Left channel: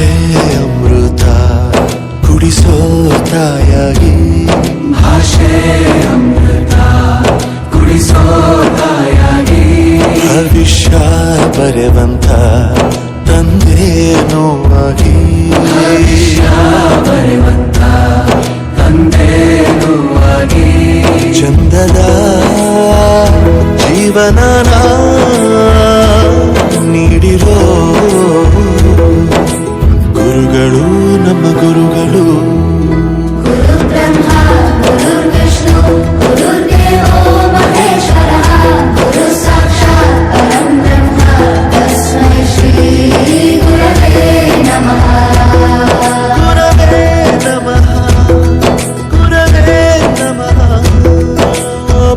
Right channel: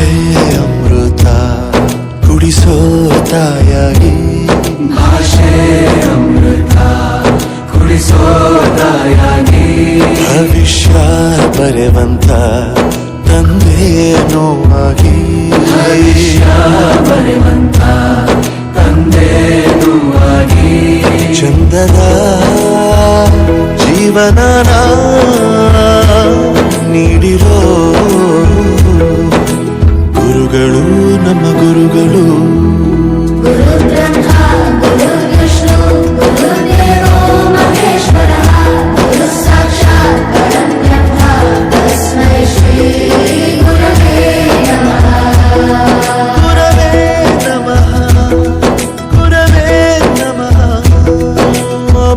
ಭಾಷೆ ಅಮೃತ ಕುಡಿಸೋ ತಾಯಾಗಿ, ಭಾಷೆ ಅಮೃತ ಕುಡಿಸೋ ತಾಯಾಗಿ, ಭವಿಷ್ಯ ಬರೆವಂತ ತಂದೇನೋ ಆಗಿ, ಬರೆವಂತ ತಂದೇನೂ ಆಗಿ, ಚಂದದ ಜೀವನನ ನೀಡಿರೋ ಗುರುಗಳು ನಮ್ಮ ಗುರುಗಳು.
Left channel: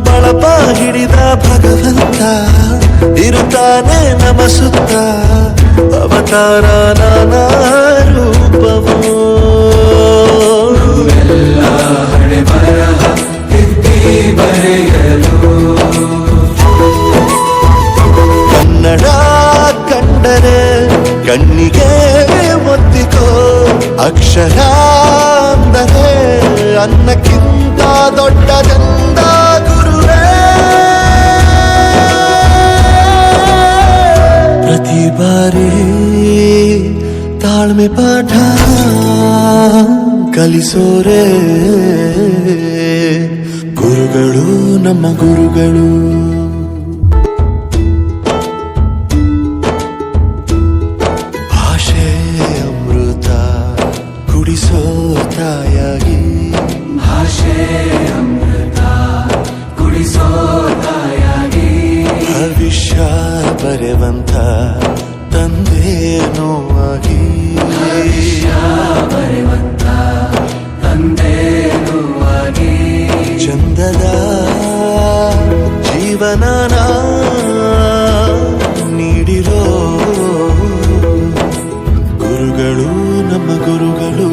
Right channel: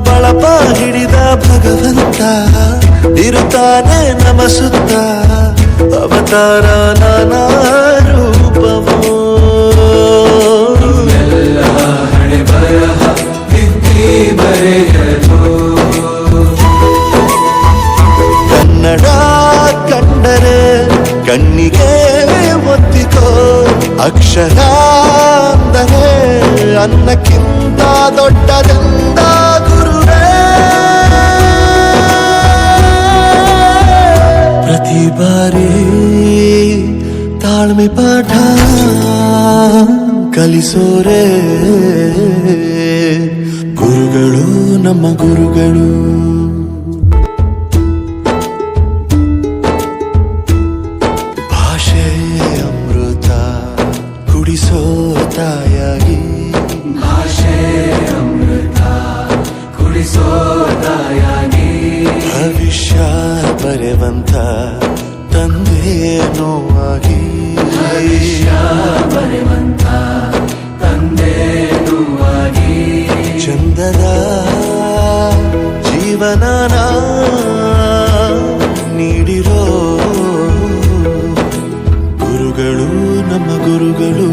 ಬಳಪ ಹಿಡಿದ ಭಗವಂತ ಇರುತ್ತಾನೆ ನಮ ಸುತ್ತ, ಅವತಾರ ನಾನಾ ರೂಪವೋ. ಎಲ್ಲ ಹಣೆ ಬರಹ ತಿದ್ದಿ ಬರೆಯಲು, ಕನ್ನಡ ಕಂಡರೆ ಕಣ್ಣಿಗೆ ಒತ್ತಿಕೋ, ಅಕ್ಷರ ಅಂದರೆ ಅನ್ನಕ್ಕಿಂತ ದೊಡ್ಡದೆಂದ ಗುರುವೇ. ಪ್ರತಿ ಬಾರಿ ತಾಳ್ಮೆ ಪಾಠ ಕಲಿಸೋರೆ ಗುರುಗಳು ನಮ್ಮ ಗುರುಗಳು. ಭಾಷೆ ಅಮೃತ ಕುಡಿಸೋ ತಾಯಾಗಿ, ಭಾಷೆ ಅಮೃತ ಕುಡಿಸೋ ತಾಯಾಗಿ, ಭವಿಷ್ಯ ಬರೆವಂತ ತಂದೇನೋ ಆಗಿ, ಬರೆವಂತ ತಂದೇನೂ ಆಗಿ, ಚಂದದ ಜೀವನನ ನೀಡಿರೋ ಗುರುಗಳು ನಮ್ಮ ಗುರುಗಳು.